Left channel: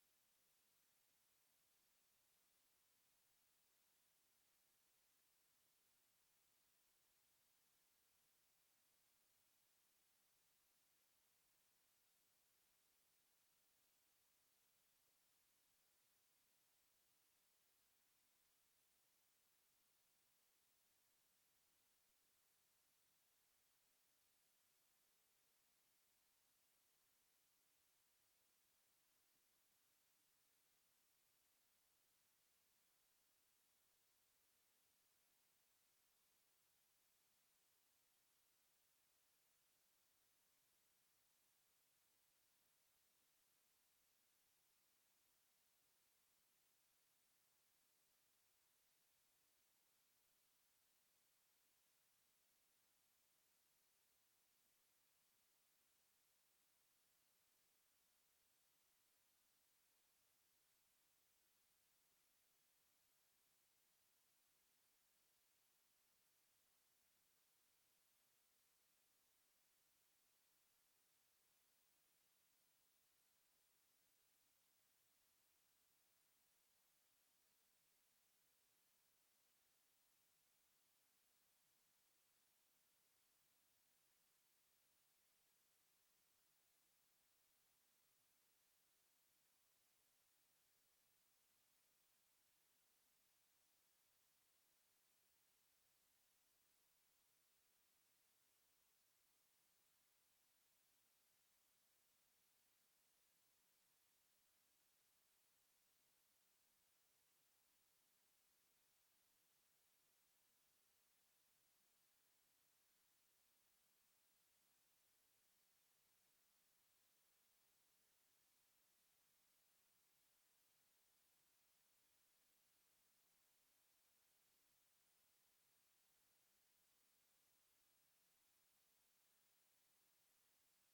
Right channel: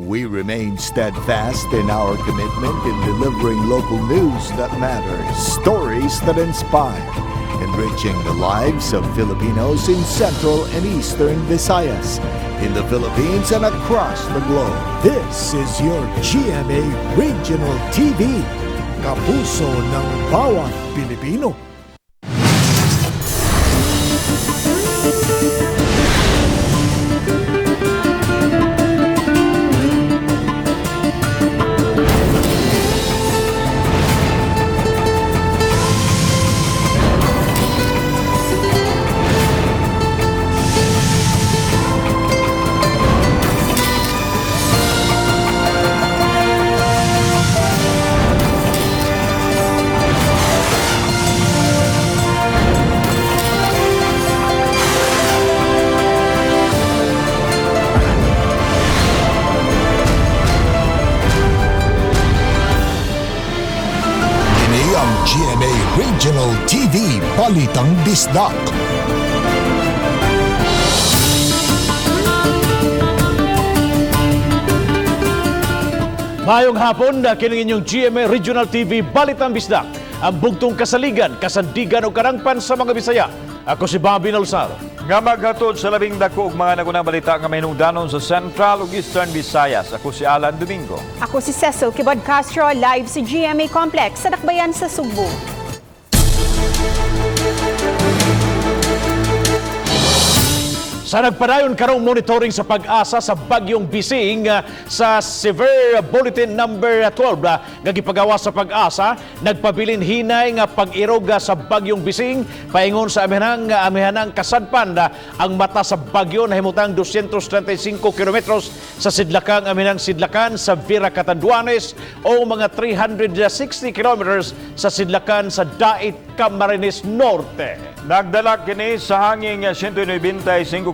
We remain steadfast in our commitment in delivering local news that matters, stories that inspire, enriching the lives of Filipinos in Central and Eastern Visayas, in the Philippines and across the globe. This is your GMA Regional TV, kapuso ng bawat Pilipino. GMA Regional TV Balitang Bisdak. Mayong hapon na kining inyong GMA Regional TV Balitang Bisdak, ang bugtong kasaligan, kasandigan o karangpan sa mga Bisaya. Ako si Bobby Nalsar. Nga maghatod sa labing dako ug mga nagunang balita nga mahinungdanon sa Central ug Eastern Visayas. Ako si Alan Domingo. Ako si Cecil Kibod Castro, live sa GMA Complex sa Dakbayan sa Sugbo. Sa nagpadayon karong monitoring sa pag-asa sa Bagyong Bising sa Severe Bulletin number 12 nga gipagawa sa pag-asa, nagpabilin hinay nga pag-irog sa Bagyong Bising paingon sa amihanang kasadpan ang mata sa bagyo nahimutang 235 kilometros sa sidlakang amihanang sidlakan sa Vera Catanduanes o mga 360 kilometers sa sidlakan sa Dait Camarines Norte. Nagdala kini sa hangin 195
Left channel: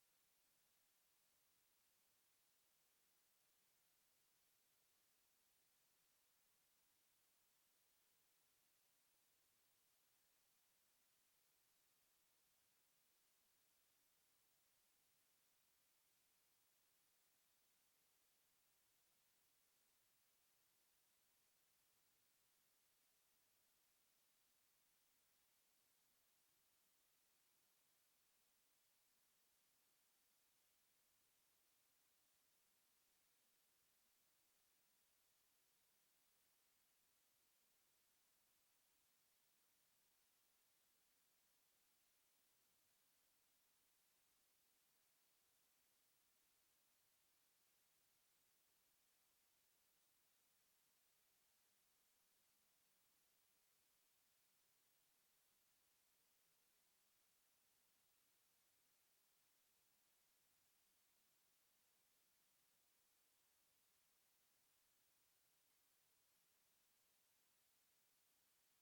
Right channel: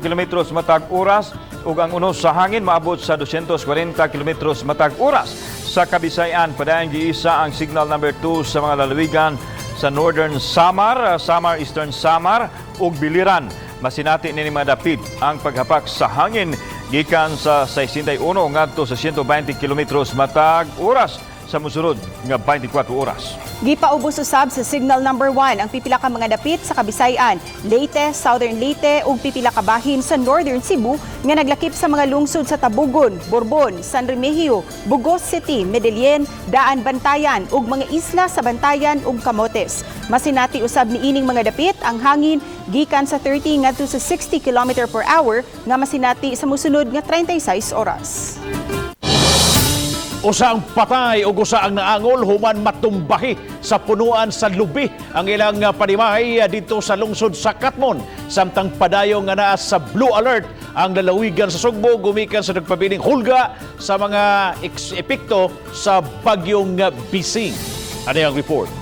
kilometros matag oras ug ang unos sa hangin maabot sa 240 kilometros matag oras. Sa Kabisayan, padayon giisa ang signal number 2 sa mga lalawigan sa Northern Samar, Eastern Samar ug Biliran. Masinati ni madapit ang paghapak sa hangin gikan sa 61 ngadto sa 120 kilometros matag oras sa mosunod nga 24 oras. Gipaubos usab sa signal number 1 ang pipila ka mga dapit sa Kabisayan, Leyte, Southern Leyte ug pipila ka bahin sa Northern Cebu nga naglakip sa mga lungsod sa Tabugon, Borbon, San Remigio, Bugos City, Medellin, Daan Bantayan ug mga isla sa Bantayan ug Camotes. Masinati usab niining mga dapit ang hangin gikan sa 30 ngadto sa 60 km/h nga masinati sa mosunod nga 36 oras. Usa ang patay o usa ang naangol human matumbahi sa punuan sa lubi ang ilang panimahay dito sa lungsod sa Katmon. Samtang padayon nga naa sa blue alert ang lalawigan sa Sugbo gumikan sa nagpabiling hulga sa mga epekto sa Bagyong Bising. Ano ang report?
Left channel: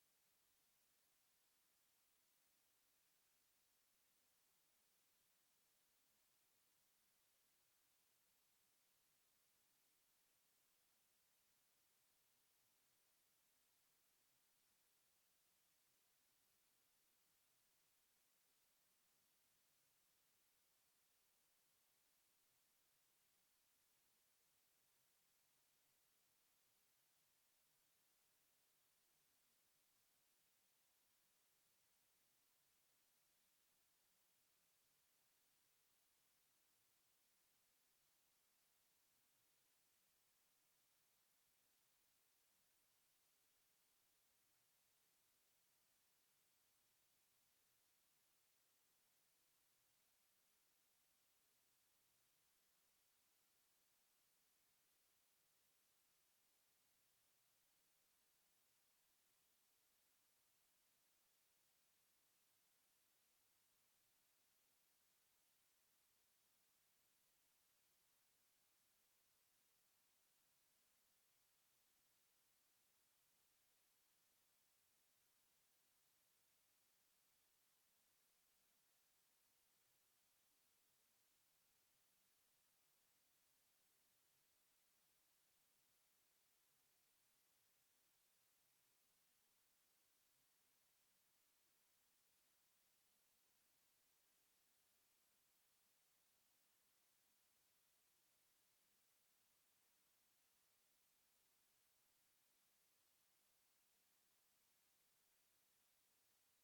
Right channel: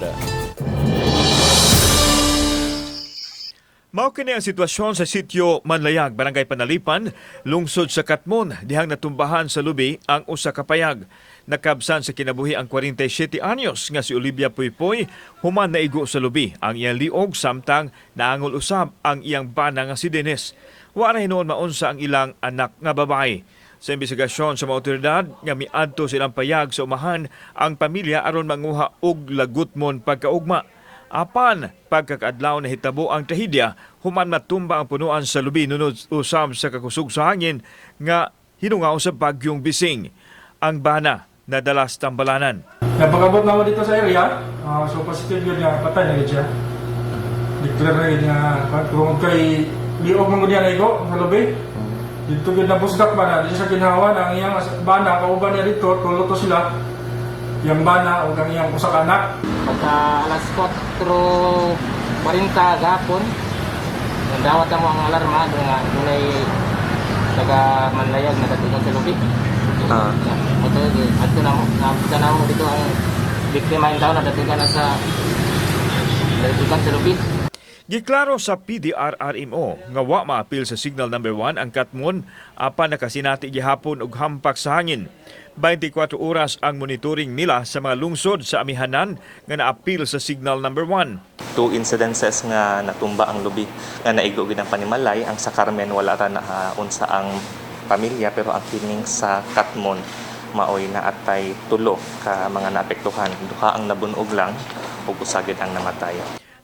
Mao kini ang sitwasyon sa sitio Manlayag, Barangay Panalipan, lungsod sa Katmon, dihang natumbahan sa lubi ang usa ka payag. Nakabsan sa kinabuhi ang 47 anyos nga si Olivia Puypoy, human naigo sa lubi ang iyang liog samtang naangol usab ang iyang bana nga si Dennis. Wa na hinuon maunsa ang ilang anak nga babae. Sa imbestigasyon sa mga otoridad nga miadto silang payag sa umahan ang pamilya aron manguha og lagutmon pagkaugma. Apan pagkakaadlaw na hitabo ang trahedya, human matumba ang punuan sa lubi nunod usab sa kakusog sa hangin nga hinungaw sa Bagyong Bising. Ang bana nadalas tambalanan. Napakabot naman dito sa area, so positive yun nga, patay na yun siya. Declare na yun nga, kung kay liog mo niya na iko, sa lobby, dito yun na busdak ba na, dito sa ginawa na ang iyang bana, kauban niya dito, tuluto sila, yung bana o ang iyang usak anak. Pagka alas 4:40 gapon, nandawat ang mga alarma, nga dunay taga Manlayag na katulong sa lobby. At na mo dito ang biktima yung tao na datugan na sa lupit. Giklaro sa PDRRMO nga wa maapil sa signal number 1 ang Katmon apan nakasinati gihapon og hampak sa hangin. 24 oras ang monitoring nila sa mga lungsod sa amihanan nga naapil sa signal number 1. 2 incidences nga natumba ang lubi nga naigo gid ang Panimalay, ang sa Carmen wala ra na unsa ang pamilya, pero ang kining sa Katmon maoy na atay tulo ka mga naapektuhan. Duha ang nabunog lang ug usa gid ang namatay.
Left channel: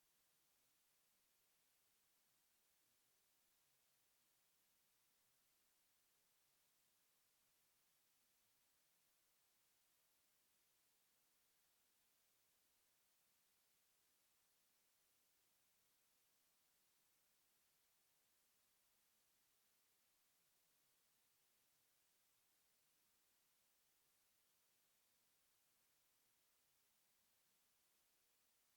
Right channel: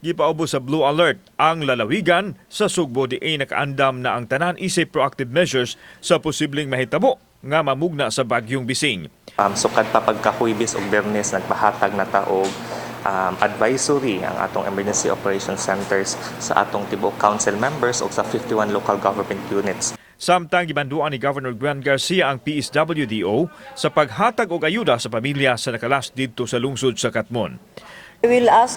Gipaubos sa Blue Alert ang lalawigan sa Sugbo diay nakaandam na ang tanan isip proactive measures sa posibleng mahitabo nga mamugna sa bagyong Bising. Sukad pa pagkahuybis ug Biyernes nagpahatag na ta og advisory ang atong emergency operations centers sa atong tibuok council members ug sa 51 local government units. Samtang gibanduan ni Governor Gwen Garcia ang PSWDO sa paghatag og ayuda sa pamilya sa nakalas didto sa lungsod sa Katmon. We will ask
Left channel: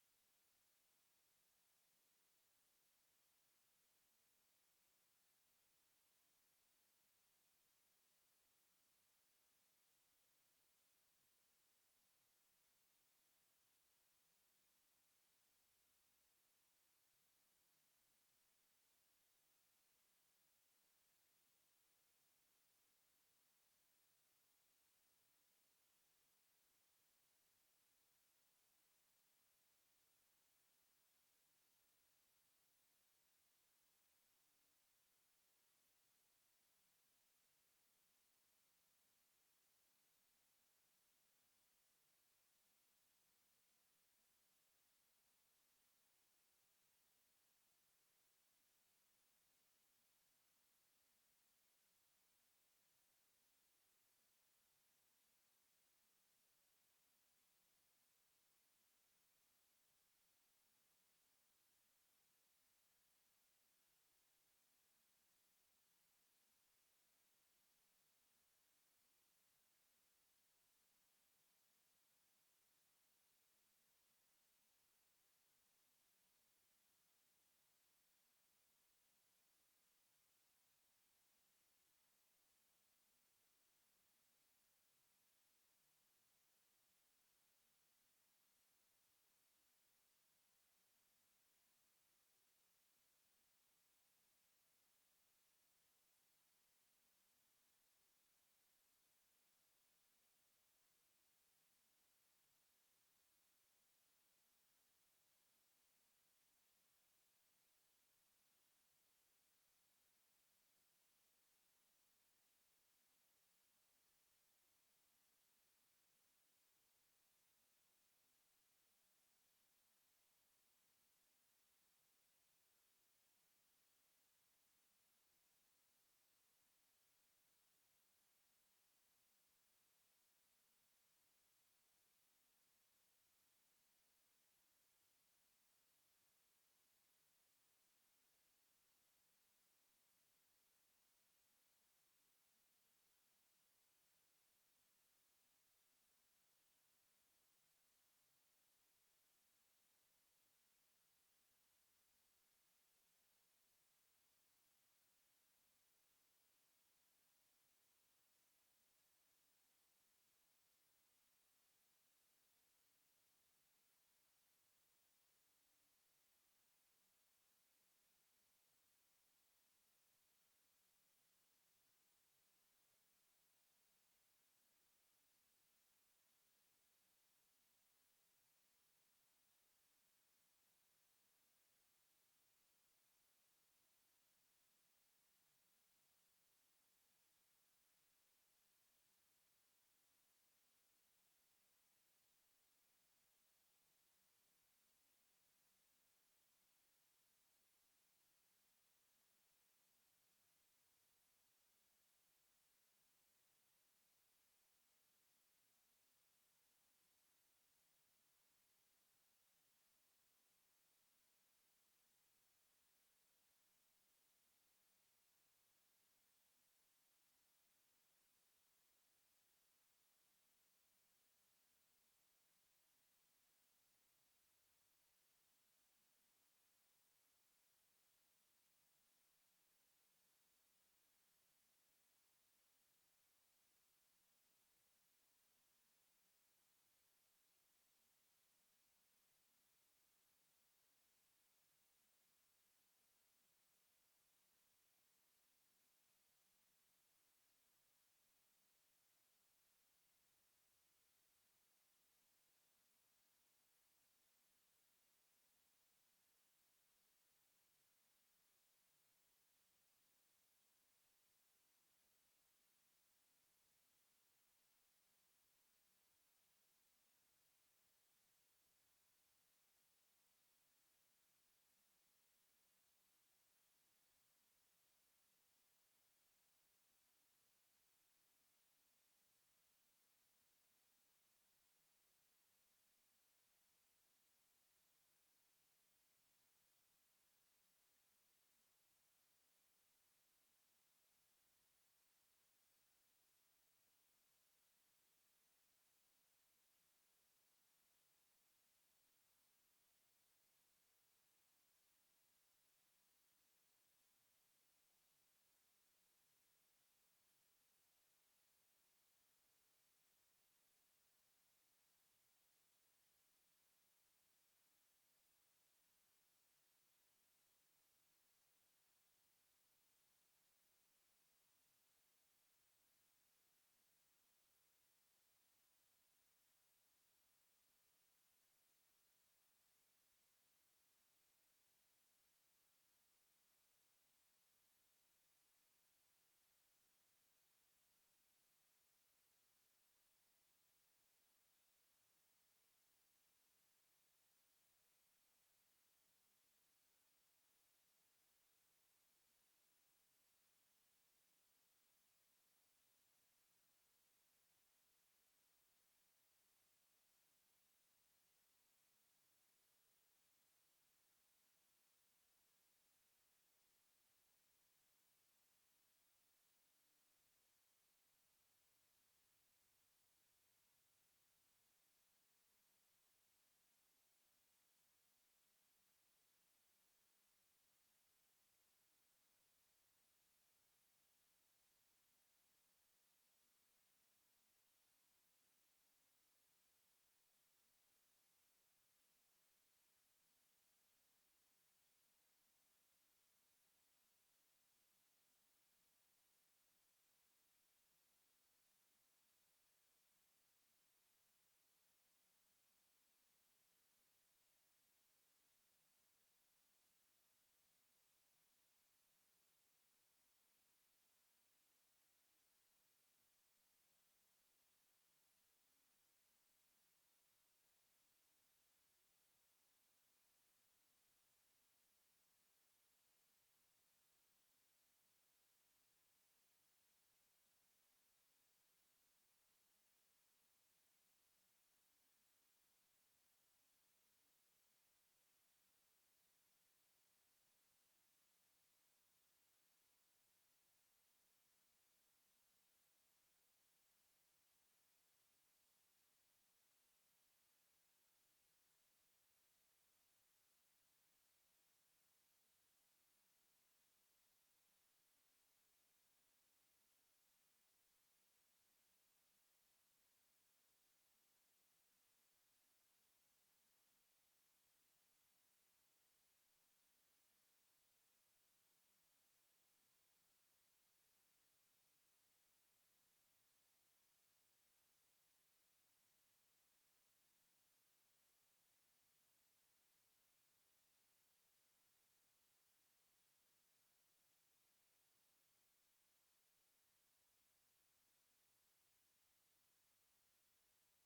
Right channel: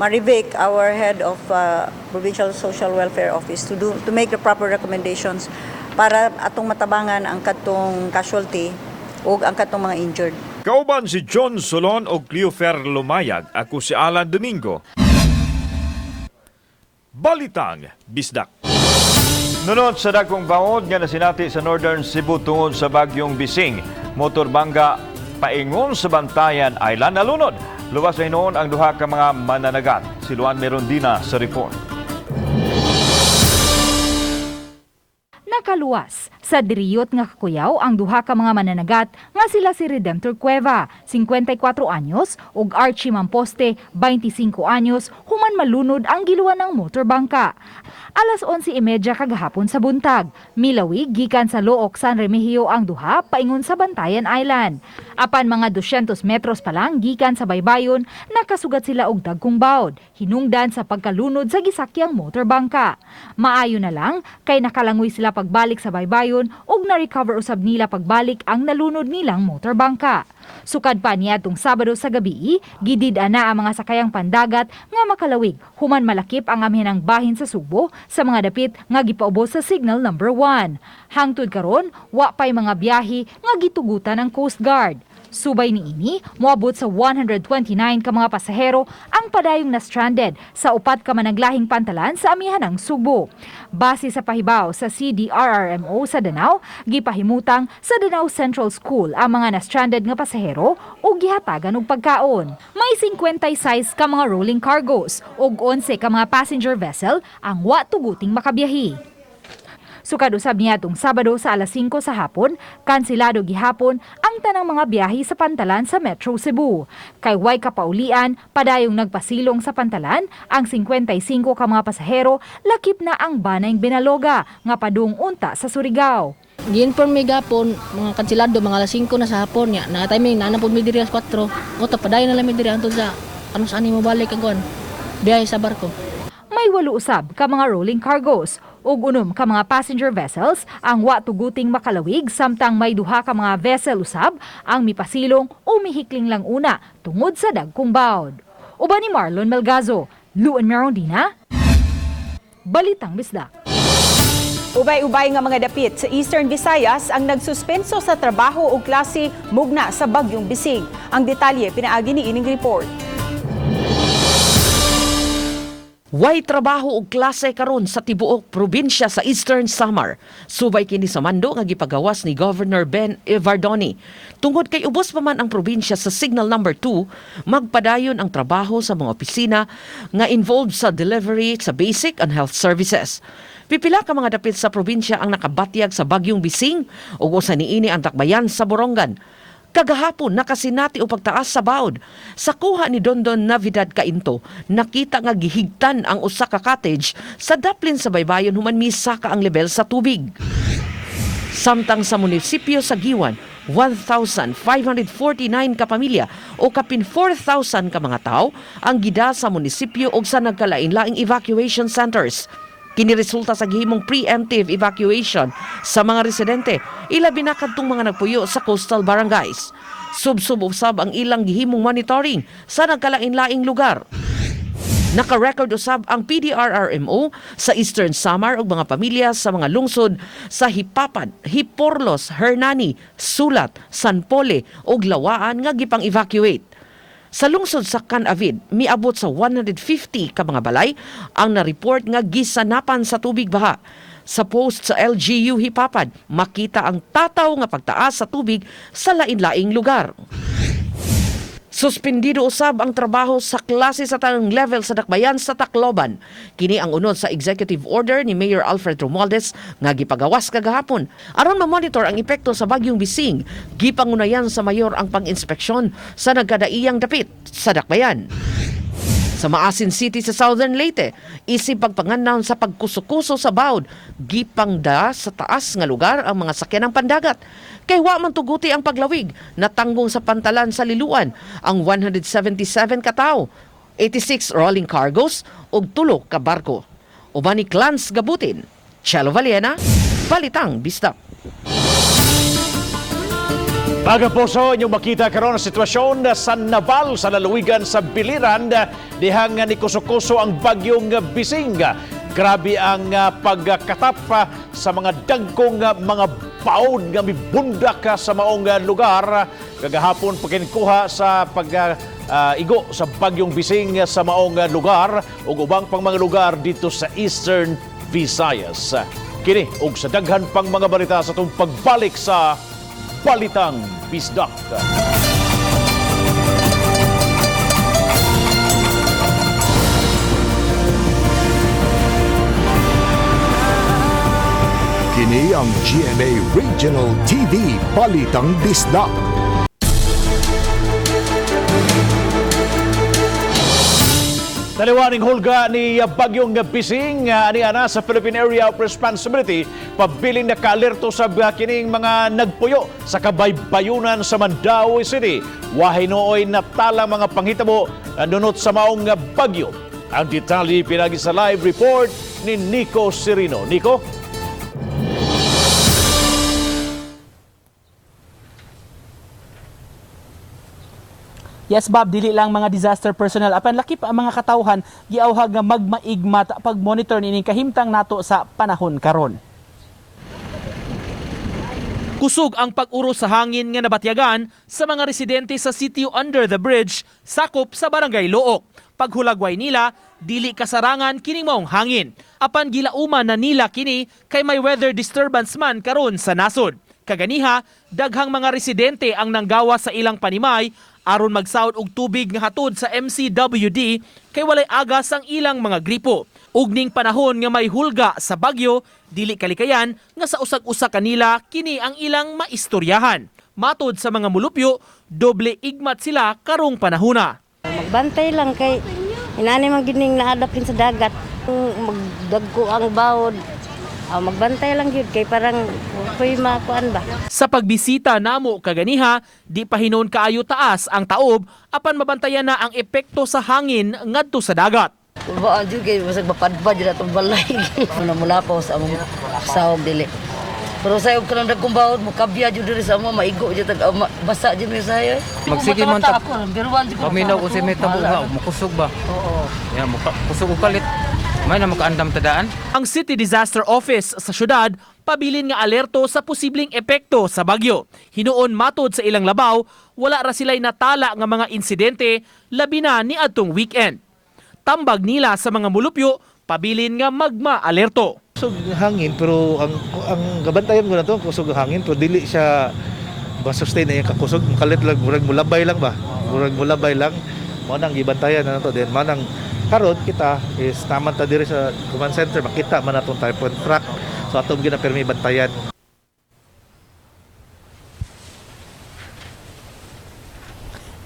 Marivic, our head of Provincial Social Welfare Office, to make the proper recommendations para atong matabangan ang katong casualty o ang katong mga injured. Kauban si John Solon o Cleofer Lumayag, ako si Alan Domingo. Balitang Bisdak. Nunod sa dagkong baod nga nasinati sa Northern Cebu tungod sa bagyong Bising, motorbangga paingon sa Bantayan Island nalunod. Luwas na hinoon ang duha ka mga mananagat. Si Luan Merondina sa report. Nakaluwas sa diriyot nga kakuyaw ang duha ka mga mananagat nga sila si Redemptor Cueva, 54 anyos, ug Archie Mamposte, 25 anyos, human malunod ang giluan ng motorbangka. Alas 11:30 kagahapon sa buntag, milawig gikan sa Look, San Remigio ang duha paingon sa Bantayan Island. Apan mga 200 metros pa lang gikan sa baybayon, nakasugat sila og dagkong bawd, hinungdan sa pagkalunod sa gisakyang motorbangka. Maayo na lang kay nakalangoy sila pagbalik sa baybayon ug na-recover usab nila pagbalik ang nalunod nilang motorbangka. Sukad pa niadtong Sabado sa gabi, gidid-an na ang mga sakayang pandagat nga makalawig human malakip ang amihanang bahin sa Sugbo sa mga dapit nga gipaubos sa Signal Number 1. Hangtod karon, wa pay mga biyahe nga gitugutan ng Coast Guard. Subay niini, moabot sa 129 ka mga pasahero ang padayong na-stranded sa upat ka managlahing pantalan sa amihanang Sugbo. Base sa pahibaw sa CDRRMO sa Danao, gipahimutang sa Danao Central School ang mga na-stranded nga pasahero ug gihatagan og pagkaon. May 56 ka mga rolling cargos ug 11 ka mga passenger vessel ang wa tuguting makabiyahe. Sukad usab niadtong Sabado sa alas 5 sa hapon, kanselado gihapon ang tanang mga biyahe sa pantalan sa Metro Cebu. Kay way kapaulian, padayong nagpasilong sa pantalan ang 55 ka mga pasahero, lakip na ang Banayng Binaloga nga padung unta sa Surigao. Gi-inform mi gapon mga kanselado mga alas 5 na sa hapon nya. Na timing na napod mi diri alas 4. O ta padayon na lang mi diri antud sa ano saan mo balik kagwan. Biyahe sa barko. May 8 usab ka mga rolling cargos ug 6 ka mga passenger vessels ang wa tuguting makalawig, samtang may 2 ka mga vessel usab ang mipasilong o mihikling lang una tungod sa dagkong bawd. Uban ni Marlon Melgazo, Luan Merondina, Balitang Bisdak. Ubay-ubay nga mga dapit sa Eastern Visayas ang nagsuspenso sa trabaho o klase mugna sa bagyong Bising. Ang detalye pinaagi ni ining report. Way trabaho og klase karon sa tibuok probinsya sa Eastern Samar. Subay kini sa mando nga gipagawas ni Governor Ben Evardoni. Tungod kay ubos pa man ang probinsya sa Signal Number 2, magpadayon ang trabaho sa mga opisina nga involved sa delivery sa basic and health services. Pipila ka mga dapit sa probinsya ang nakabatyag sa bagyong Bising ug usa niini ang takbayan sa Borongan. Kagahapon nakasinati o pagtaas sa bawd. Sa kuha ni Dondon Navidad Kainto, nakita nga gihigtan ang usa ka cottage sa daplin sa baybayon human misa ka ang level sa tubig. Samtang sa munisipyo sa Giwan, 1,549 ka pamilya o kapin 4,000 ka mga tao ang gida sa munisipyo og sa nagkalain-laing evacuation centers. Kiniresulta sa gihimong preemptive evacuation sa mga residente, ilabi na kadtong mga nagpuyo sa coastal barangays. Sub-usab ang ilang gihimong monitoring sa nagkalain-laing lugar. Naka-record usab ang PDRRMO sa Eastern Samar ug mga pamilya sa mga lungsod sa Hipapan, Hiporlos, Hernani, Sulat, San Pole ug Lawaan nga gipang-evacuate. Sa lungsod sa Canavid, miabot sa 150 ka mga balay ang na-report nga gisanapan sa tubig baha. Sa post sa LGU Hipapad, makita ang tataw nga pagtaas sa tubig sa lain-laing lugar. Suspendido usab ang trabaho sa klase sa tanang level sa dakbayan sa Tacloban. Kini ang unod sa executive order ni Mayor Alfred Romualdez nga gipagawas kagahapon. Aron ma-monitor ang epekto sa bagyong Bising, gipangunayan sa mayor ang pang-inspeksyon sa nagkadaiyang dapit sa dakbayan. Sa Maasin City sa Southern Leyte, isip pagpangandaw sa pagkuso-kuso sa bawd, gipangda sa taas nga lugar ang mga sakyanang pandagat. Kay wa man tuguti ang paglawig, natanggong sa pantalan sa Liluan ang 177 katao, 86 rolling cargos ug 3 ka barko. Uban ni Clans Gabutin, Chelo Valena, Balitang Bisdak. Mga puso, inyong makita karon ang sitwasyon sa Naval sa lalawigan sa Biliran dihang ni kuso-kuso ang bagyong Bising. Grabe ang pagkatap sa mga dagkong mga baon nga mibundak sa maong lugar. Kagahapon pagkinkuha sa igo sa bagyong Bising sa maong lugar ug ubang pang mga lugar dito sa Eastern Visayas. Kini ug sa daghan pang mga balita sa itong pagbalik sa Balitang Bisdak. Kini ang GMA Regional TV Balitang Bisdak. Taliwaning hulga ni bagyong Bising aniana sa Philippine Area of Responsibility pabiling naka-alerto sa kining mga nagpuyo sa kabaybayunan sa Mandaue City. Wahay nooy natala mga panghitabo nunot sa maong bagyo. Ang detalye pinagi sa live report ni Nico Serino. Nico? Yes, Bob, dili lang mga disaster personnel apan lakip ang mga katawhan giawhag nga magmaigmat pag-monitor nining kahimtang nato sa panahon karon. Kusog ang pag-uros sa hangin nga nabatyagan sa mga residente sa sitio Under the Bridge, sakop sa Barangay Look. Paghulagway nila, dili kasarangan kining maong hangin. Apan gilauman na nila kini kay may weather disturbance man karon sa nasod. Kaganiha, daghang mga residente ang nanggawa sa ilang panimay aron magsawod og tubig nga hatod sa MCWD kay walay agas ang ilang mga gripo. Ug ning panahon nga may hulga sa bagyo, dili kalikayan nga sa usag-usa kanila kini ang ilang maistoryahan. Matod sa mga mulupyo, doble igmat sila karong panahona. Magbantay lang kay inani man gining naadapin sa dagat. Magdagko ang bawod. Magbantay lang yun kay parang ako'y makuan ba. Sa pagbisita namo kaganiha, di pa hinon kaayo taas ang taob apan mabantayan na ang epekto sa hangin ngadto sa dagat. Ba jud kay basag mapadpad jud atong balay. Ano mula pa sa among sawog dili. Pero sayo kanang dagkong bawod mo kabya jud diri sa amo maigo jud tag basa jud mi sayo. Magsige man ta. Paminaw ko si metabo nga makusog ba. Oo. Ya makusog kalit. May na makaandam tadaan. Ang City Disaster Office sa syudad pabilin nga alerto sa posibleng epekto sa bagyo. Hinuon matod sa ilang labaw, wala ra sila'y natala nga mga insidente labi na ni adtong weekend. Tambag nila sa mga mulupyo, pabilin nga magma-alerto. Kusog hangin pero ang gabantayan ko na to kusog hangin pero dili siya ma-sustain na yung kakusog. Kalit lang, murag mulabay lang ba? Murag mulabay lang. Manang gibantayan na to din. Manang karon kita is naman ta diri sa command center makita man atong typhoon track so atong ginapermi bantayan.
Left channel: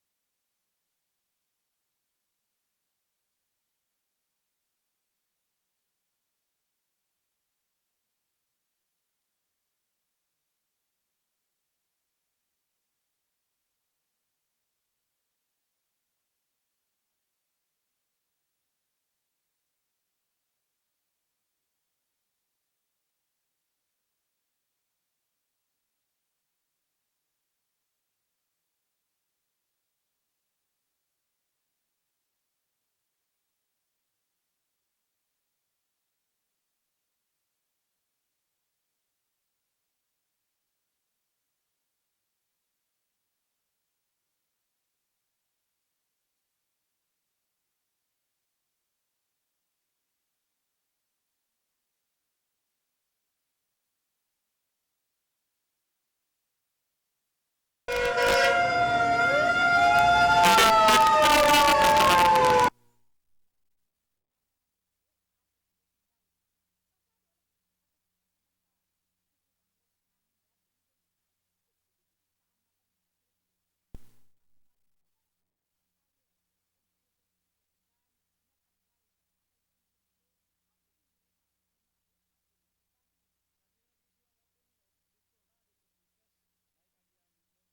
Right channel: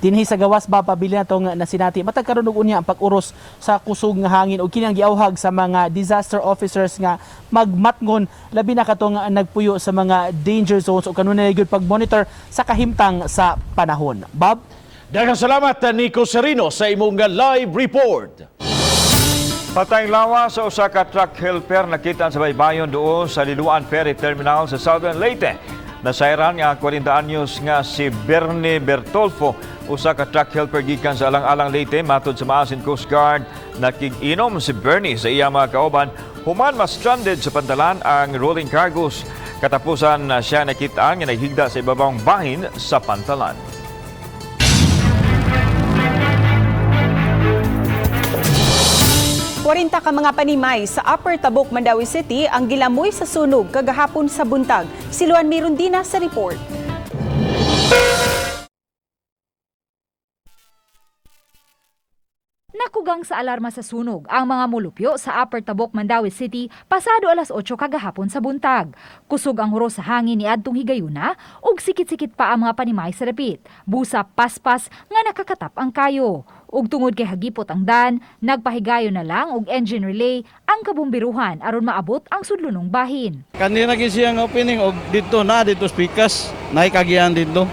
Dinhi sa gawas ba pabili natong nasinati matag karon og unya ang pag-uros sa kusog nga hangin ug kini ang giawhag sa mga disaster officers nga magmatngon labi na katong nagpuyo sa mga danger zones ug kanunay gyud pag-monitor sa kahimtang sa panahon. Bob? Daghang salamat Nico Serino sa imong live report. Patayng lawa sa usa ka truck helper nakita sa baybayon doon sa Liluan Ferry Terminal sa Southern Leyte. Nasayran nga 40 anyos nga si Bernie Bertolfo, usa ka truck helper gikan sa Alang-Alang Leyte matod sa Maasin Coast Guard. Nakig-inom si Bernie sa iya mga kauban human mas stranded sa pantalan ang rolling cargos. Katapusan siya nakitaan nga naghigda sa ibabang bahin sa pantalan. 40 ka mga panimay sa Upper Tabok, Mandaue City ang gilamoy sa sunog kagahapon sa buntag. Si Luan Mirundina sa report. Nasugang sa alarma sa sunog ang mga mulupyo sa Upper Tabok, Mandaue City pasado alas 8 kagahapon sa buntag. Kusog ang huro sa hangin ni adtong higayuna ug sikit-sikit pa ang mga panimay sa dapit. Busa paspas nga nakakatap ang kayo. Ug tungod kay hagipot ang dan, nagpahigayon na lang og engine relay ang kabumbiruhan aron maabot ang sudlunong bahin. Kanina gisiyang opening og dito speakers naikagihan dito.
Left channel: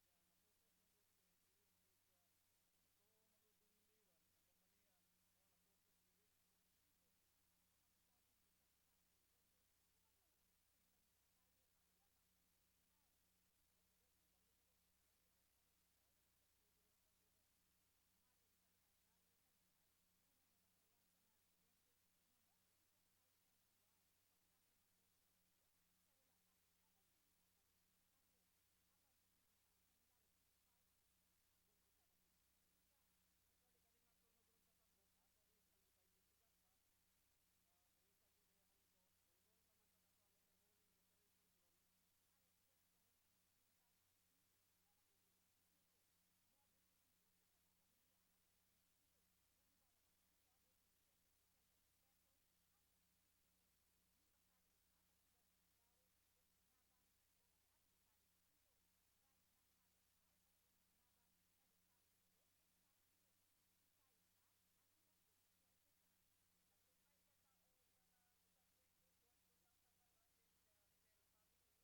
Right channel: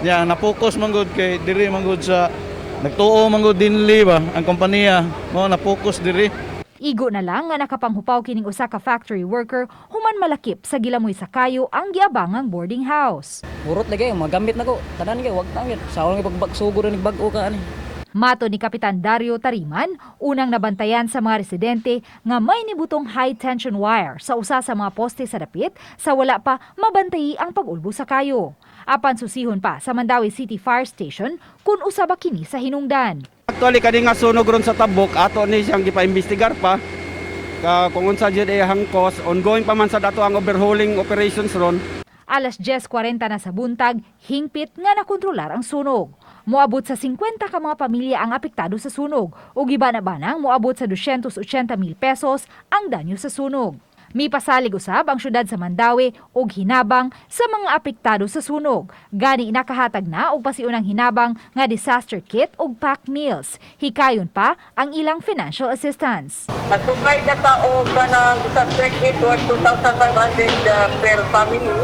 Ya na-focus man gud kay diri man gud sa nagtuo man gud dinli ba ang kompanya mo na-focus diri. Igo na lang nga nakapanghupaw kining usa ka factory worker human malakip sa gilamoy sa kayo ang giabangang boarding house. Burot lagi magamit nako tanan gyud wag tangit. Sawol nga pagbagsugod ni bag-o ka ani. Mato ni Kapitan Dario Tariman, unang nabantayan sa mga residente nga may nibutong high-tension wire sa usa sa mga poste sa dapit sa wala pa mabantayi ang pag-ulbo sa kayo. Apan susihon pa sa Mandaue City Fire Station kung usa ba kini sa hinungdan. Actually kani nga sunog ron sa Tabok ato ni siyang gipaimbestigar pa kung unsa jud ang cause, ongoing pa man sa dato ang overhauling operations ron. Alas 10:40 na sa buntag, hingpit nga nakontrolar ang sunog. Moabot sa 50 ka mga pamilya ang apektado sa sunog ug iba na banang moabot sa 280,000 pesos ang danyo sa sunog. Mipasalig usab ang syudad sa Mandaue og hinabang sa mga apektado sa sunog. Gani nakahatag na og pasiunang hinabang nga disaster kit ug pack meals. Hikayon pa ang ilang financial assistance. Nagprovide na ta og kanang disaster kit worth 2,500 per family.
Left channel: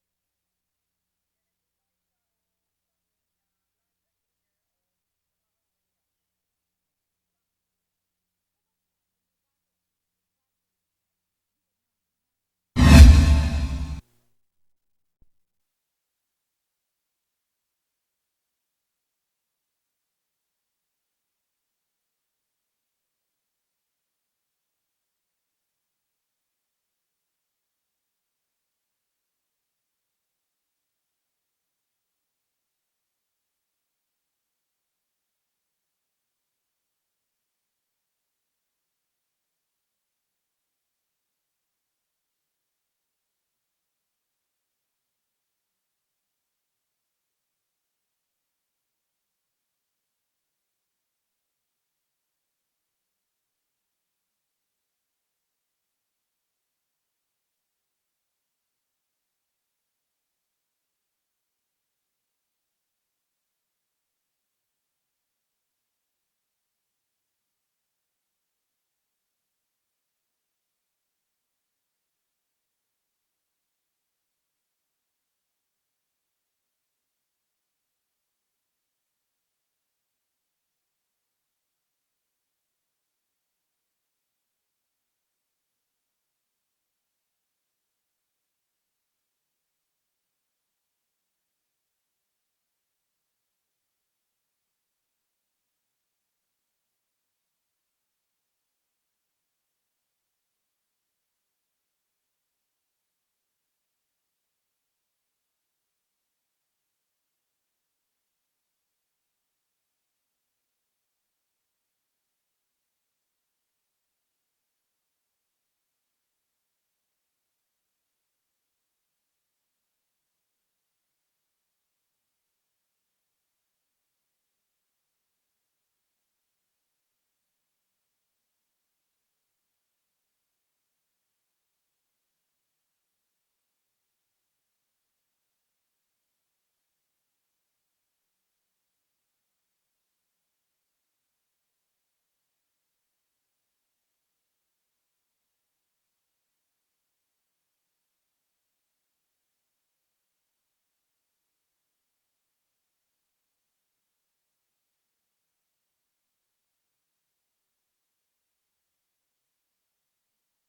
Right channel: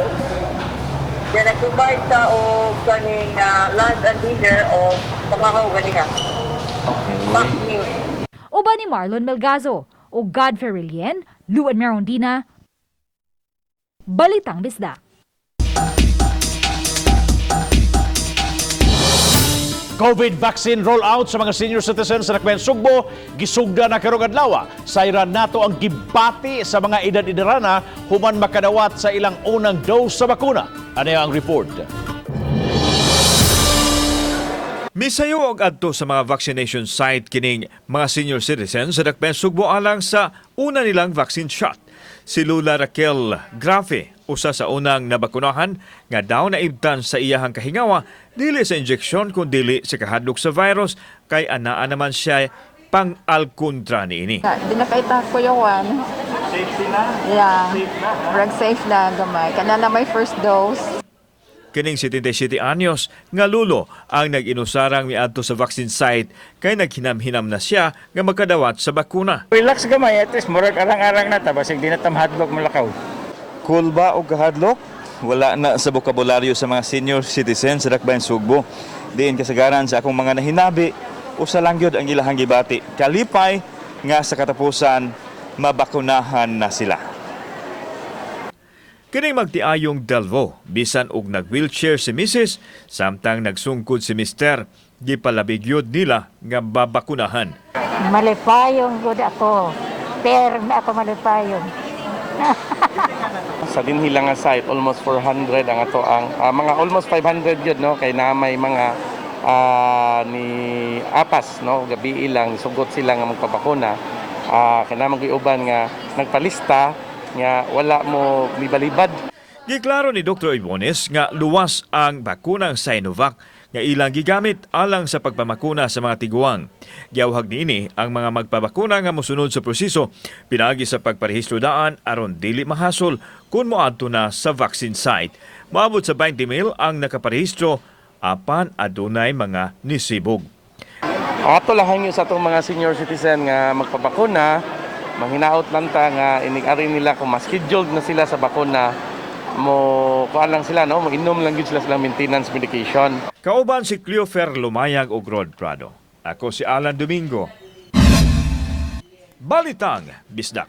Yan nag-provide sa o ganing lunch and dinner o pangahaw ganing okay. Uba ni Marlon Melgazo o Godfrey Rilien, Luan Merondina, Balitang Bisdak. COVID vaccine rollout sa mga senior citizens sa Nakbayan Sugbo, gisugda na karong adlaw. Sayran nato ang gibati sa mga edad-edarana human makadawat sa ilang unang dose sa bakuna. Ano ang report? Misayo og adto sa mga vaccination site kining mga senior citizens sa Nakbayan Sugbo alang sa una nilang vaccine shot. Si Lula Raquel Grafe, usa sa unang nabakunahan nga daw naibtan sa iyahang kahingawa dili sa injeksyon kun dili sa kahadlok sa virus kay anaa naman siya pang-alkontra niini. Di na kay tako yawan. Safety na? Yeah. Drug safe na gamay. Kana na may first dose. Kining 77 anyos nga lulo ang nag-inusarang miadto sa vaccine site kay naghinam-hinam na siya nga magkadawat sa bakuna. Relax gamay, at least murag arang-arang na ta basig di na tamhadlok malakaw. Cool ba o kahadlok? Wala na sa bokabularyo sa mga senior citizens sa Nakbayan Sugbo. Diin kasagaran sa akong mga nahinabi, usa lang gyud ang ilahang gibati. Kalipay nga sa katapusan mabakunahan na sila. Kining magtiayong Delvo, bisan og nag-wheelchair si Mrs. samtang nagsungkod si Mr. Gipalabigyod nila nga babakunahan. Malipayong good ako. Per na ako malipayong. Sa dinhilang nga site, almost 400 ang ato ang mga almost 500 yun, no, kay na may mga ni apas, no, gabi ilang sugot sila nga magpabakuna. Kaya naman uban nga nagpalista nga wala mo mibalibad. Giklaro ni Dr. Ibones nga luwas ang bakunang Sinovac nga ilang gigamit alang sa pagpamakuna sa mga tiguang. Giawhag niini ang mga magpabakuna nga mosunod sa proseso pinaagi sa pagparehistro daan aron dili mahasol kun moadto na sa vaccine site. Moabot sa 20,000 ang nakaparehistro apan adunay mga nisibog. Ato lang sa atong mga senior citizen nga magpabakuna, manghinaot lang ta nga inig-ari nila kung ma-scheduled na sila sa bakuna, mo kuan lang sila, no, mag-inom lang gyud sila sa maintenance medication. Kauban si Cleofer Lumayag ug Rod Prado. Ako si Alan Domingo. Balitang Bisdak.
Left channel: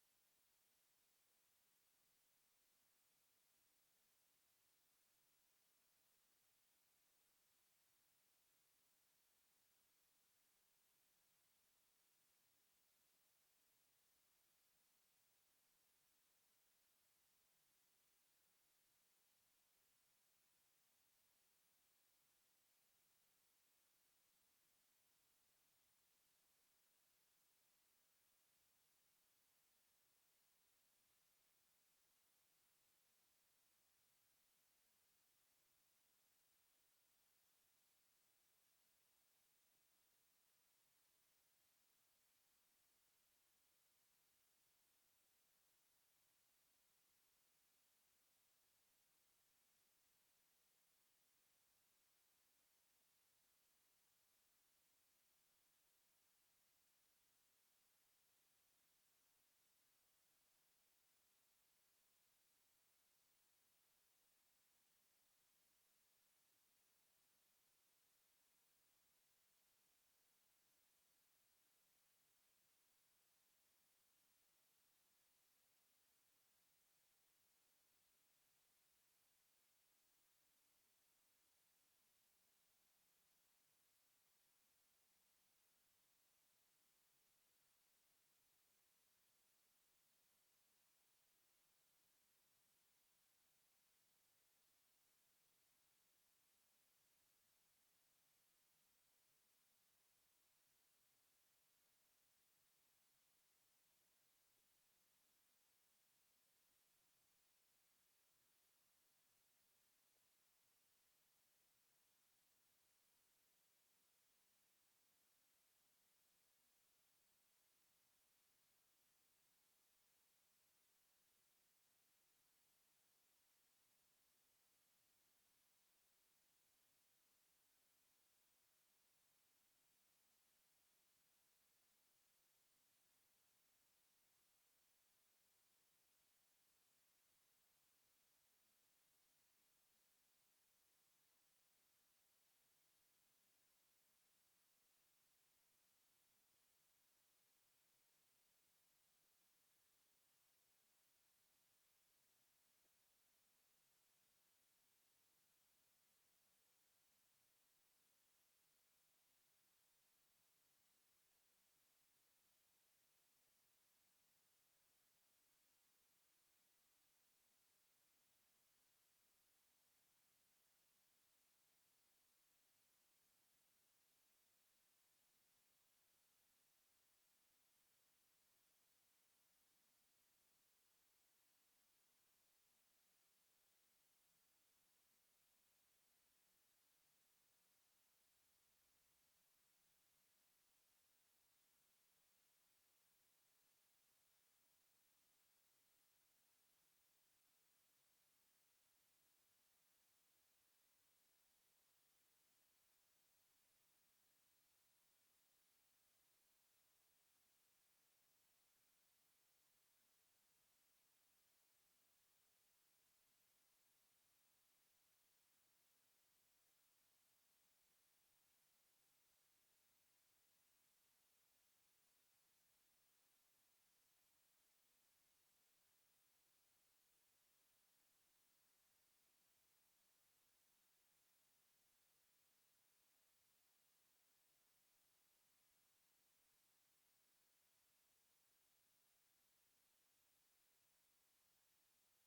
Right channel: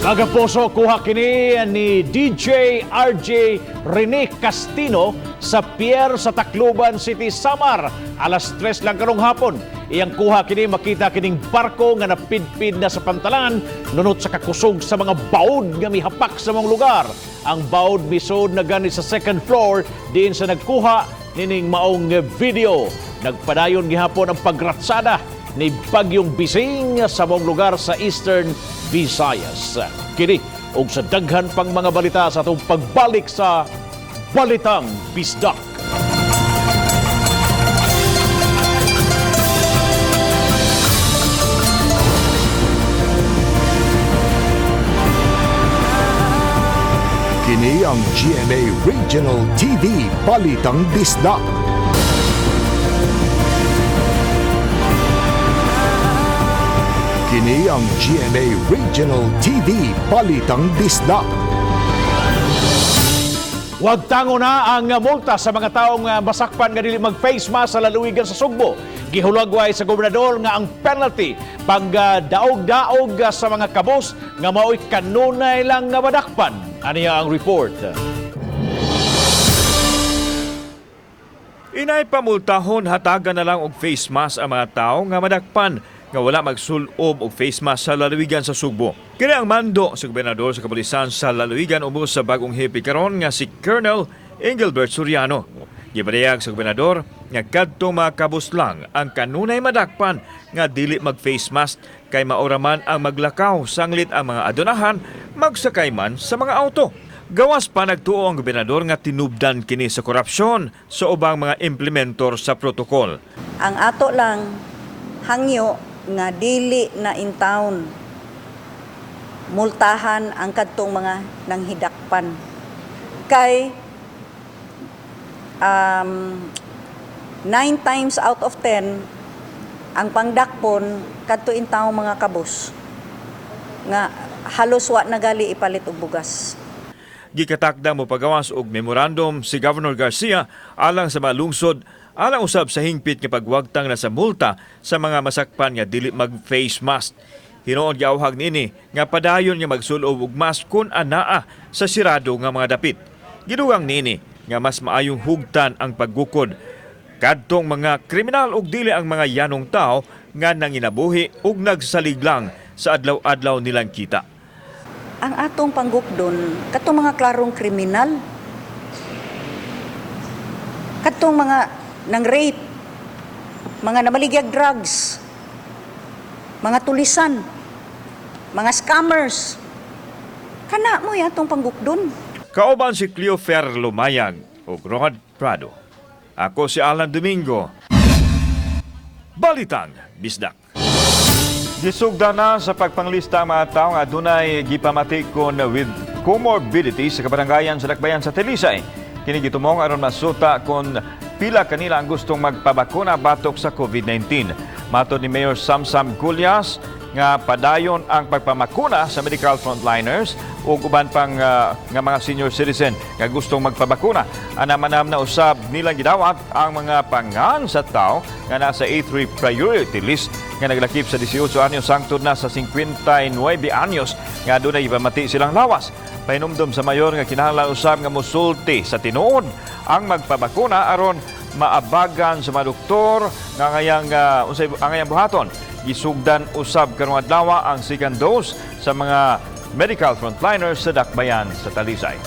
Kagaposo, kuha kini ni DJ RJ Rene Castino sa pier sa Tacloban City, Samar. Alas 3 lang karong hapon. Iyang kuha kini makita kining barko nga napidpid na sa pantalan nunot sa kakusog sa mga baod nga mihapak sa mga lugar. Ang baod misod na gani sa second floor diin sa nagkuha nining maong video. Nagpadayon gihapon ang pagratsada ni Bagyong Bising sa mga lugar sa Eastern Visayas. Kini og sa daghan pang mga balita sa atong pagbalik sa Balitang Bisdak. Kini ang GMA Regional TV Balitang Disda. Kini ang GMA Regional TV Balitang Disda. Huwag tango na ang multa sa mga taong masakpan nga dili mag-face mask sa lalawigan sa Sugbo. Gihulagway sa gobernador nga ang penalty pag daog-daog sa mga kabos nga mao'y kanunay lang nga madakpan. Aniya ang report. Inay pamultahon hatagan na lang og face mask ang mga tao nga madakpan nga wala magsulob og face mask sa lalawigan sa Sugbo. Kini ang mando sa gobernador sa kapulisan sa lalawigan ubos sa bagong hepe karon nga si Colonel Engelbert Soriano. Gipadayag sa gobernador nga kadtong mga kabus lang ang kanunay madakpan nga dili mag-face mask kay maoraman ang maglakaw sanglit ang mga adunahan magsakay man sa mga auto. Gawas pa nagtuo ang gobernador nga tinubdan kini sa korupsyon sa ubang mga implementor sa protokol. Ang ato lang hangyo nga dili na in town multahan ang kadtong mga nanghidakpan kay 9 times out of 10 ang pangdakpon kadto in town mga kabus nga halos wa nagali ipalit og bugas. Gikatakda mo pagawas og memorandum si Governor Garcia alang sa mga lungsod alang usab sa hingpit nga pagwagtang na sa multa sa mga masakpan nga dili mag-face mask. Hinuon giawhag nini nga padayon nga magsulob og mask kun anaa sa sirado nga mga dapit. Gidugang nini nga mas maayong hugtan ang paggukod kadtong mga kriminal ug dili ang mga yanong tao nga nanginabuhi ug nagsaliglang sa adlaw-adlaw nilang kita. Ang atong panggukdon katong mga klarong kriminal, katong mga nang rape, mga namaligyag drugs, mga tulisan, mga scammers. Kana mo yatong panggukdon. Kauban si Cleofer Lumayag ug Rod Prado. Ako si Alan Domingo. Balitang Bisdak. Gisugda na sa pagpanglista ang mga tao nga dunay gipamatikon with comorbidities sa kabarangayan sa Dakbayan sa Talisay. Kini gitumong aron masuta kung pila kanila ang gustong magpabakuna batok sa COVID-19. Matod ni Mayor Samsam Gulyas nga padayon ang pagpamakuna sa medical frontliners o uban pang nga mga senior citizen nga gustong magpabakuna. Anamanam na usab nilang gidawat ang mga pangan sa tao nga nasa A3 priority list nga naglakip sa 18 anyos hangtod na sa 59 anyos nga dunay ipamati silang lawas. Pahinumdom sa mayor nga kinahanglan usab nga mosulti sa tinuod ang magpabakuna aron maabagan sa mga doktor nga ngayang buhaton. Gisugdan usab karong adlaw ang second dose sa mga medical frontliners sa Dakbayan sa Talisay.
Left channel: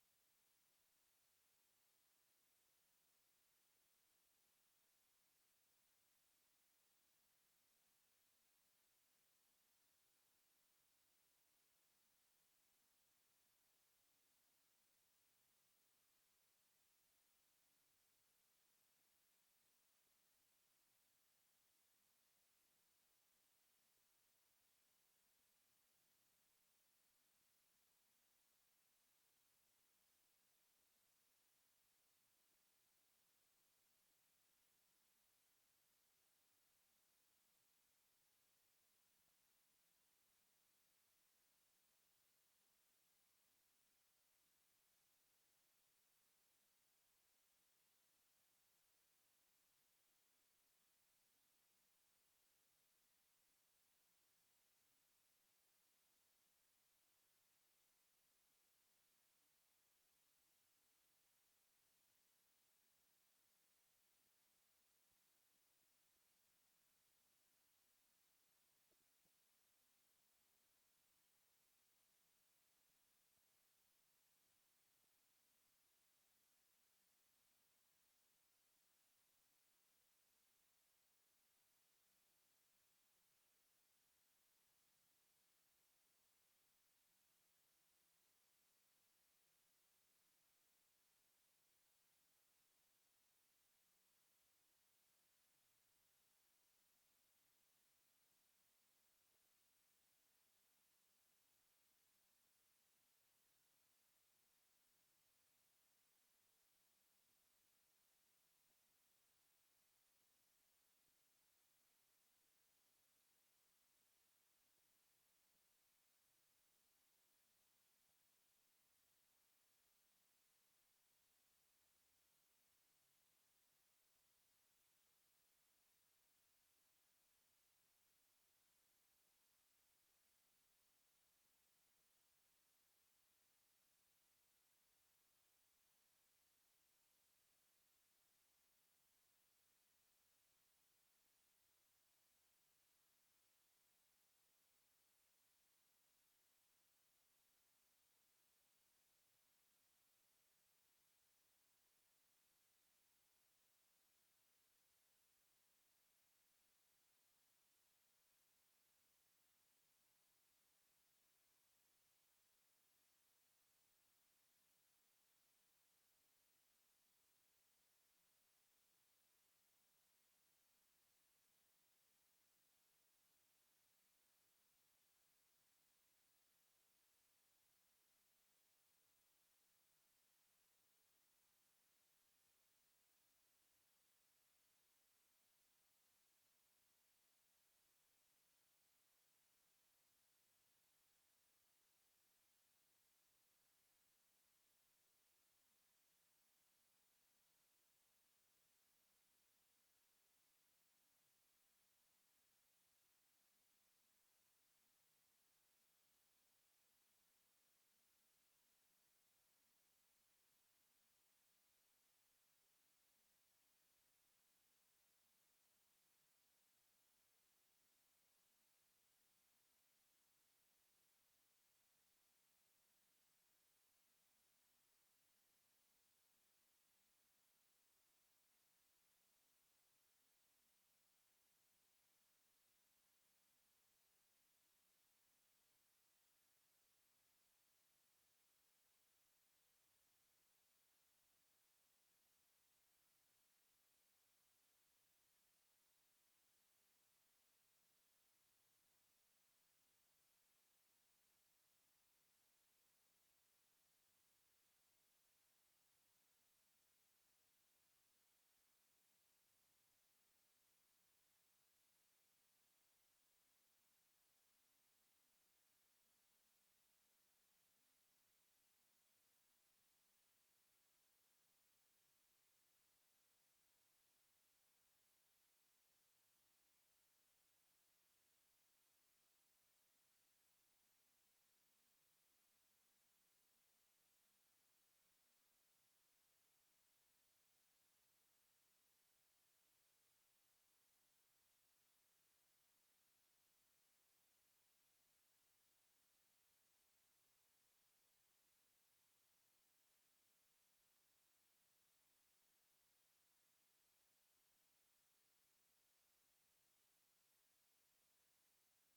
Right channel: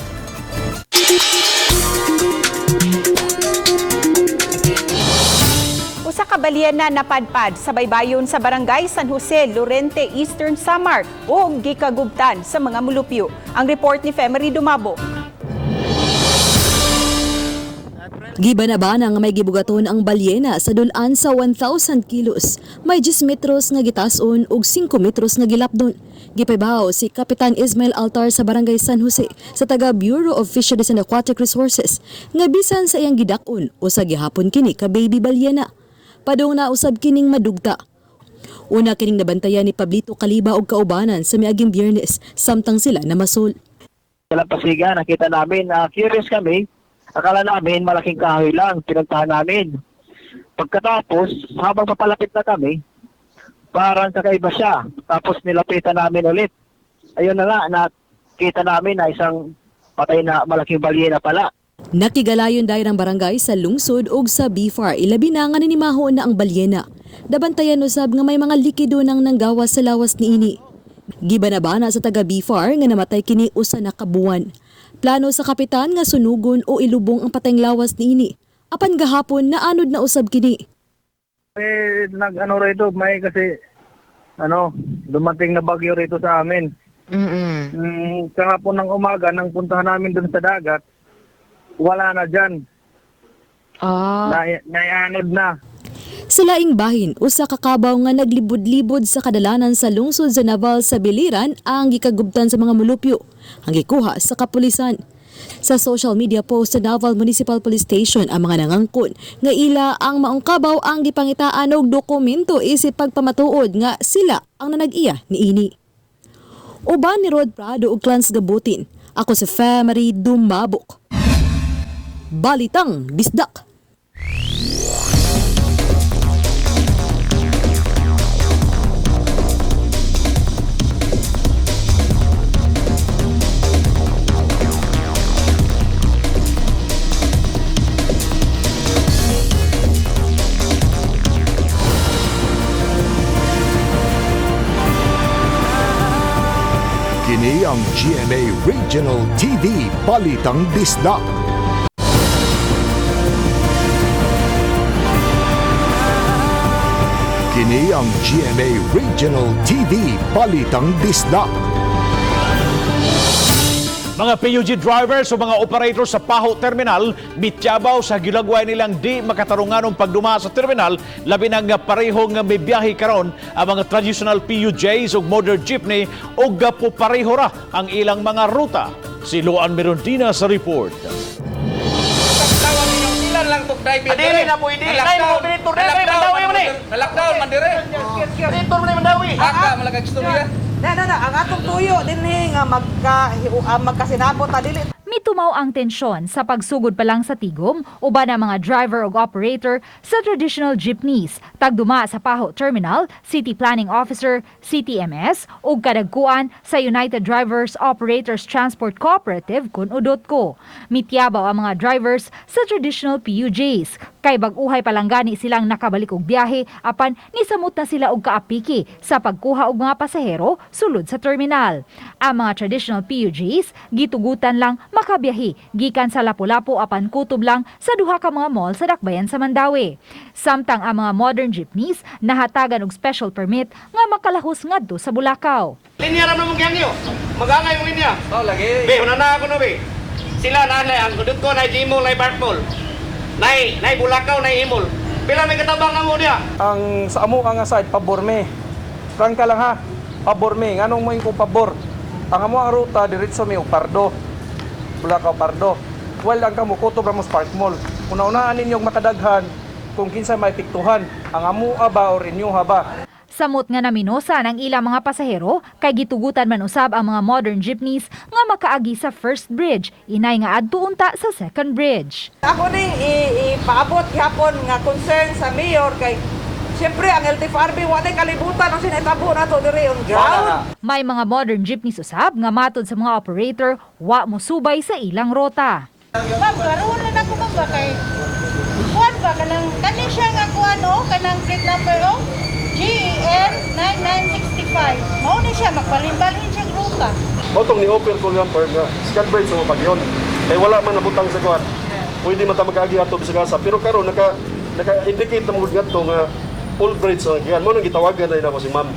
Usa ka balyena napadpad sa baybayon sa Barangay San Jose, Lorente, Eastern Samar ug gikagubtan sa mga mulupyo. Ang report ni Femery Dumabo. Gibanabana nga may gibugaton ang balyena sa dulan sa 1,000 kilos. May 10 metros nga gitason ug 5 metros nga gilapdon. Gipabaw si Kapitan Ismail Altar sa Barangay San Jose sa taga Bureau of Fisheries and Aquatic Resources nga bisan sa iyang gidakon o sa gihapon kini ka baby balyena. Padong na usab kining madugta. Una kining nabantayan ni Pablito Kaliba og kaubanan sa miaging Biyernes samtang sila namasol. Sa Pasiga nakita namin curious kami. Akala namin malaking kahoy lang, pinagtahan namin. Pagkatapos, habang papalapit na kami, parang kakaiba siya. Tapos nilapitan namin ulit. Ayun na nga, nakita namin na isang patay na malaking balyena pala. Nakigalayon dahil ang barangay sa lungsod ug sa BFAR, ilabi na nga nanimahon na ang balyena. Dabantayan usab nga may mga likido nang nanggawas sa lawas niini. Gibanabana sa taga BFAR nga namatay kini usa na kabuwan. Plano sa kapitan nga sunugon o ilubong ang patayng lawas niini. Apan gahapon naanod na usab kini. Rito, may kasi dumating na bagyo rito sa amin. Kahapon ng umaga nang puntahan namin dun sa dagat, wala na dyan. Naianod na. Sa laing bahin, usa ka kabaw nga naglibod-libod sa kadalanan sa lungsod sa Naval sa Biliran ang gikagubtan sa mga mulupyo, ang gikuha sa kapulisan. Sa social media post sa Davao Municipal Police Station ang mga nangangkon nga ila ang maungkabaw ang gipangitaan og dokumento isip pagpamatuod nga sila ang nanag-iya niini. Uban ni Rod Prado ug Clans Gabutin. Ako si Family Dumabok. Balitang Bisdak. Kini ang GMA Regional TV Balitang Bisdak. Kini ang GMA Regional TV Balitang Bisdak. Mga PUG drivers o mga operator sa Paho Terminal, mityabaw sa gilagway nilang di makatarunganong pagduma sa terminal, labi ng parehong may biyahe karon ang mga traditional PUJs o modern jeepney o gapo pareho ra ang ilang mga ruta. Si Luan Merondina sa report. Lang tok driver. Adili na po idi. Nay mo dito dire mandawi man ni. Lockdown man dire. Dito man mandawi. Aka malagag istorya. Ang atong tuyo dinhi nga magkasinabot ta dili. Mitumaw ang tensyon sa pagsugod pa lang sa tigom uban ang mga driver o operator sa traditional jeepneys tagduma sa Paho Terminal, City Planning Officer, CTMS ug kadagkuan sa United Drivers Operators Transport Cooperative kun UDOTCO. Mityabaw ang mga drivers sa traditional PUJs kay bag-uhay pa lang gani silang nakabalik og biyahe apan nisamot na sila og kaapiki sa pagkuha og mga pasahero sulod sa terminal. Ang mga traditional PUJs gitugutan lang makabiyahe gikan sa Lapu-Lapu apan kutob lang sa duha ka mga mall sa Dakbayan sa Mandawi. Samtang ang mga modern jeepneys nahatagan og special permit nga makalahos ngadto sa Bulacau. Linya ra mo gyangyo. Magangay mo linya. Oh lagi. Be una ako no be. Sila na ang kudut ko na Jimol na Bartol. Nay Bulacau na Imol. Pila may katabang namo dia. Ang sa amo ang side pabor me. Prangka lang ha. Pabor me. Nganong mo ko pabor? Ang amo ang ruta diretso mi og Pardo. Bulacau Pardo. Well, ang kamo kutob Ramos Park Mall. Una-unaan ninyong makadaghan kung kinsa may piktuhan. Ang amua ba o renew ba? Samot nga naminosa ng ilang mga pasahero kay gitugutan man usab ang mga modern jeepneys nga makaagi sa first bridge, inay nga adto unta sa second bridge. Ako ning ipaabot gyapon nga concern sa mayor kay siyempre ang LTFRB wa tay kalibutan ang sinitabo nato diri on ground. May mga modern jeepneys usab nga matod sa mga operator wa mosubay sa ilang rota. Ma'am, karoon na ako ba kay kuan ba kanang kani siya nga kuan kanang plate number GEN 9965. Mao ni siya magbalin-balin siya ruta. Motong ni open ko lang nga scan bridge sa pagyon. Kay wala man nabutang sa kuan. Pwede man ta makaagi ato sa gasa pero karon naka-indicate na mo ngadto nga full bridge ang yan. Mo nang gitawagan na ako si ma'am.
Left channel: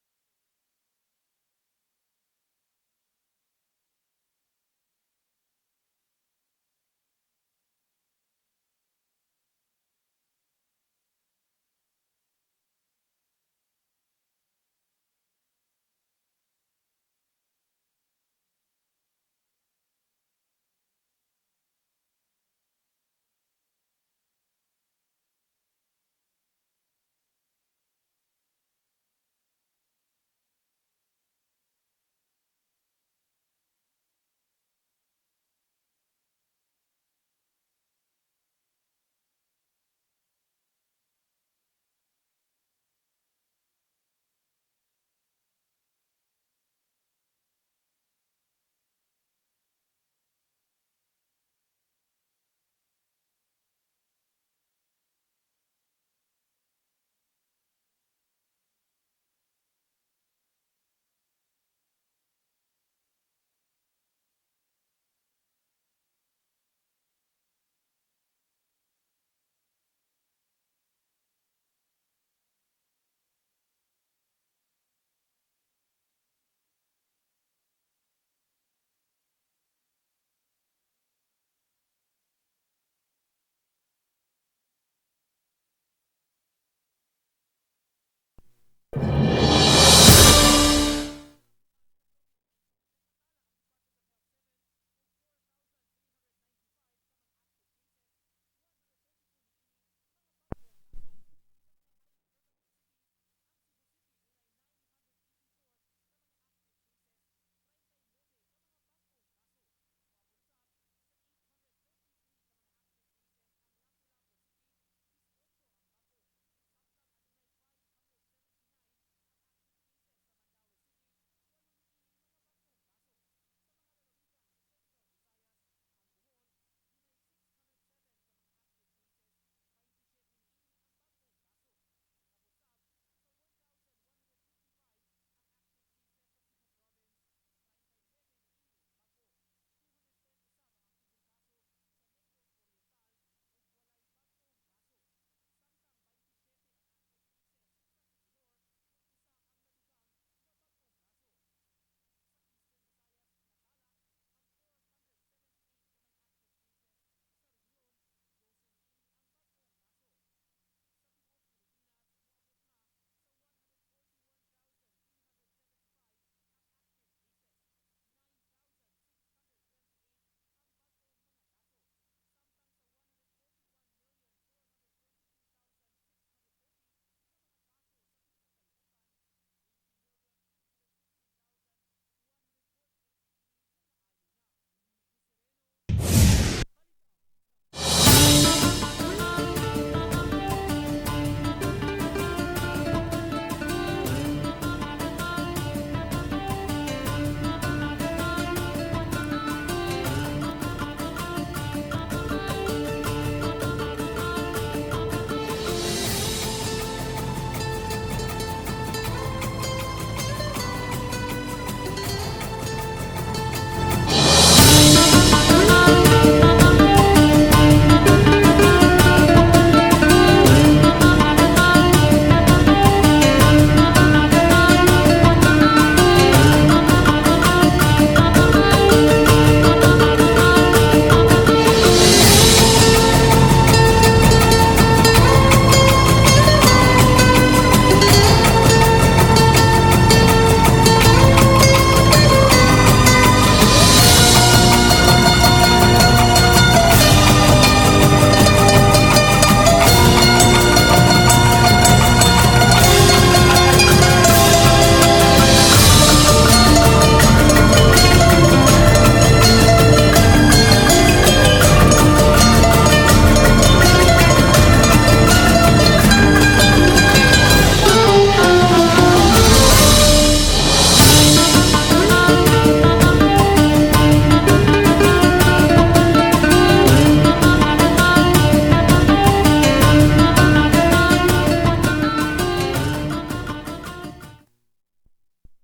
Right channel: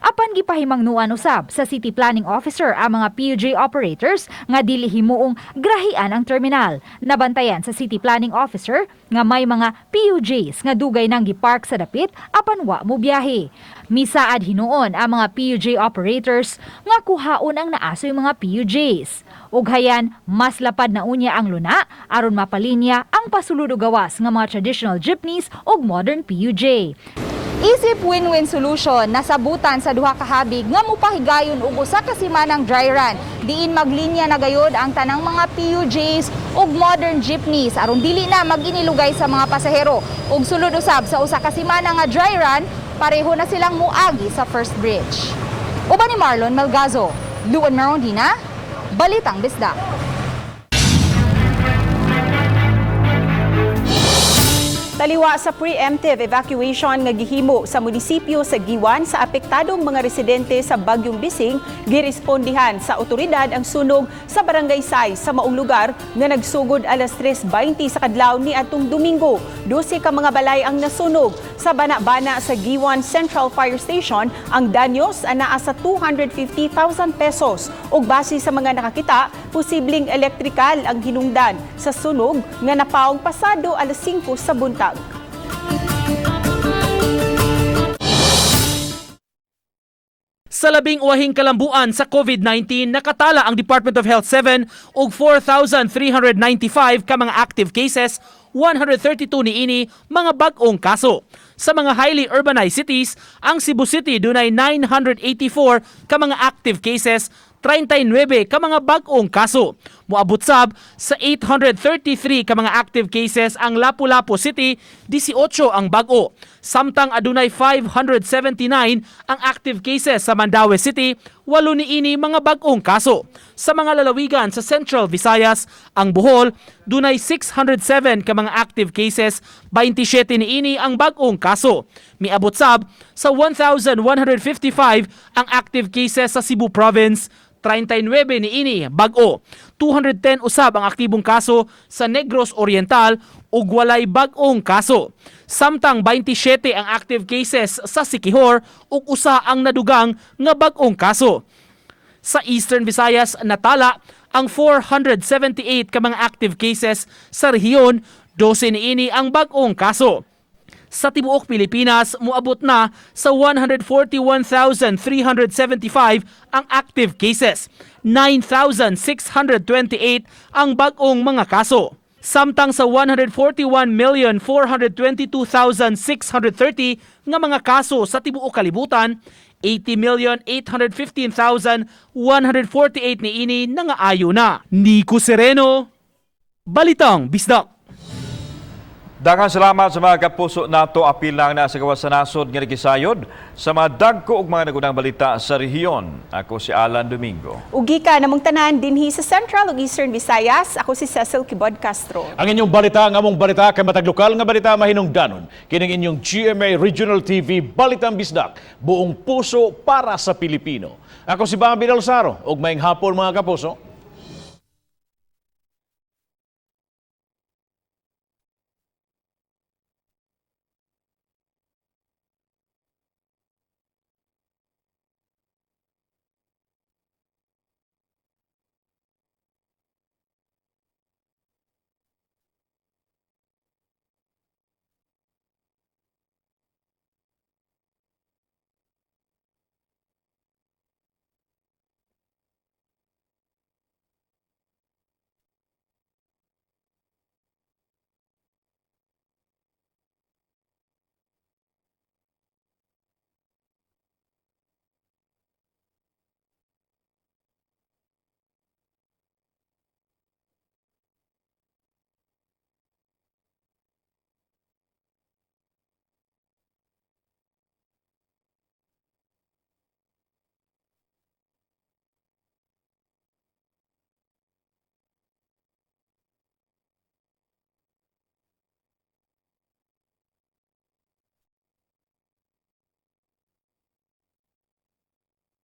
Apan gipahimangnuan usab sa City Planning Officer ang mga PUJ operators nga dili himuong grahian ang terminal. Nabantayan sa City Planning Officer nga may mga PUJs nga dugay nang gipark sa dapit apan wa mo biyahe. Misaad hinuon ang mga PUJ operators nga kuhaon ang naasoy mga PUJs. Ug hayan mas lapad na unya ang luna aron mapalinya ang pasulod og gawas nga mga traditional jeepneys ug modern PUJ. Isip win-win solution nasabutan sa duha ka habig nga mopahigayon og usa ka semanang dry run diin maglinya na gayud ang tanang mga PUJs ug modern jeepneys aron dili na maginilugay sa mga pasahero ug sulod usab sa usa ka semana nga dry run pareho na silang muagi sa first bridge. Uban ni Marlon Malgazo, Luan Merondina, Balitang Bisdak. Taliwa sa preemptive evacuation nga gihimo sa munisipyo sa Giwan sa apektadong mga residente sa Bagyong Bising, girespondihan sa otoridad ang sunog sa Barangay Say sa maong lugar nga nagsugod alas 3:20 sa kadlaw ni atong Domingo. 12 ka mga balay ang nasunog. Sa bana-bana sa Giwan Central Fire Station, ang danyos anaa sa 250,000 pesos. Ug base sa mga nakakita, posibleng elektrikal ang hinungdan sa sunog nga napaong pasado alas 5 sa buntag. Sa labing uwahing kalambuan sa COVID-19, nakatala ang Department of Health 7 og 4,395 ka mga active cases, 132 niini mga bag-ong kaso. Sa mga highly urbanized cities, ang Cebu City dunay 984 ka mga active cases, 39 ka mga bag-ong kaso. Moabot sab sa 833 ka mga active cases ang Lapu-Lapu City, 18 ang bag-o. Samtang adunay 579 ang active cases sa Mandaue City, 8 niini mga bag-ong kaso. Sa mga lalawigan sa Central Visayas, ang Bohol, dunay 607 ka mga active cases, 27 niini ang bag-ong kaso. Miabot sab sa 1,155 ang active cases sa Cebu Province, 39 niini bag-o. 210 usab ang aktibong kaso sa Negros Oriental ug walay bag-ong kaso. Samtang 27 ang active cases sa Siquijor ug usa ang nadugang nga bag-ong kaso. Sa Eastern Visayas natala ang 478 ka mga active cases sa rehiyon, 12 niini ang bag-ong kaso. Sa tibuok Pilipinas, muabot na sa 141,375 ang active cases. 9,628 ang bag-ong mga kaso. Samtang sa 141,422,630 nga mga kaso sa tibuok kalibutan, 80,815,148 niini nga ayo na. Nico Sereno, Balitang Bisdak. Daghang salamat sa mga kapuso nato apil lang na sa gawas sa nasod nga nagisayod sa mga dagko ug mga nagunang balita sa rehiyon. Ako si Alan Domingo. Ugi ka namong tanan dinhi sa Central ug Eastern Visayas. Ako si Cecil Kibod Castro. Ang inyong balita, ang among balita kay matag lokal nga balita mahinungdanon. Kining inyong GMA Regional TV Balitang Bisdak, buong puso para sa Pilipino. Ako si Bambi Dalsaro ug maayong hapon mga kapuso.